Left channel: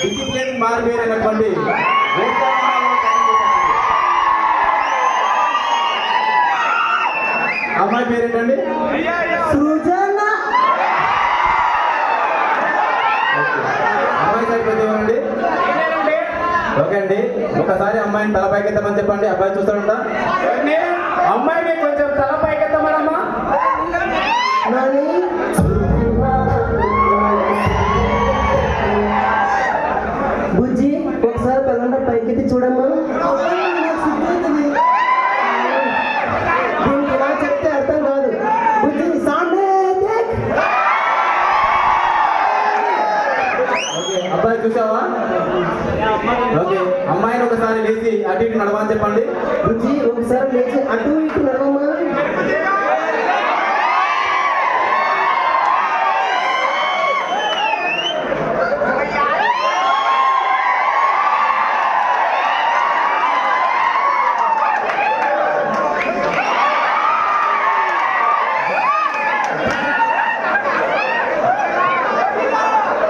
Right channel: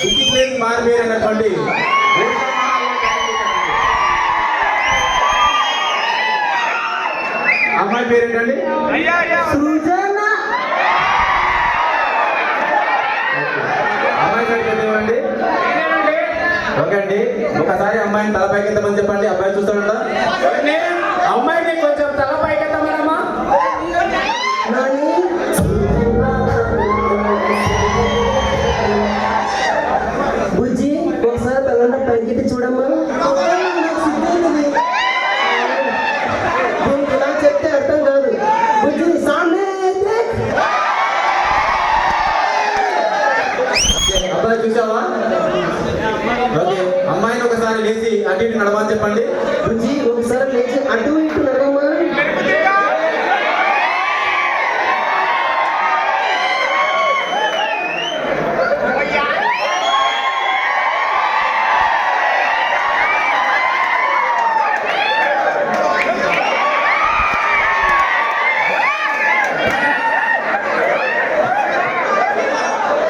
Discipline మారిపోయినటువంటి అమ్మాయి పేరేంటండి? సృజన. అమ్మాయి పేరు పెట్టేవండి. ఓకే అండి, ఒకసారి అమ్మాయిని తల పైకెత్తమని చెప్పండి. అబ్బాయి చూస్తాడంట. అమ్మాయికి కొంచెం తల పైకెత్తమనమ్మా. బుజ్జి ఒకసారి తలంట పైకెత్తి చూడమ్మా. దీనికి ఇలా చెప్తే అర్థం కాదు. బుజ్జిని సామ్నే అబ్బాయి చూసావా? ఓకే, అమ్మాయిని ఒకసారి లేచి అటు ఇటు నడవని చెప్పండి. బుజ్జి ఒకసారి లేచి అటు ఇటు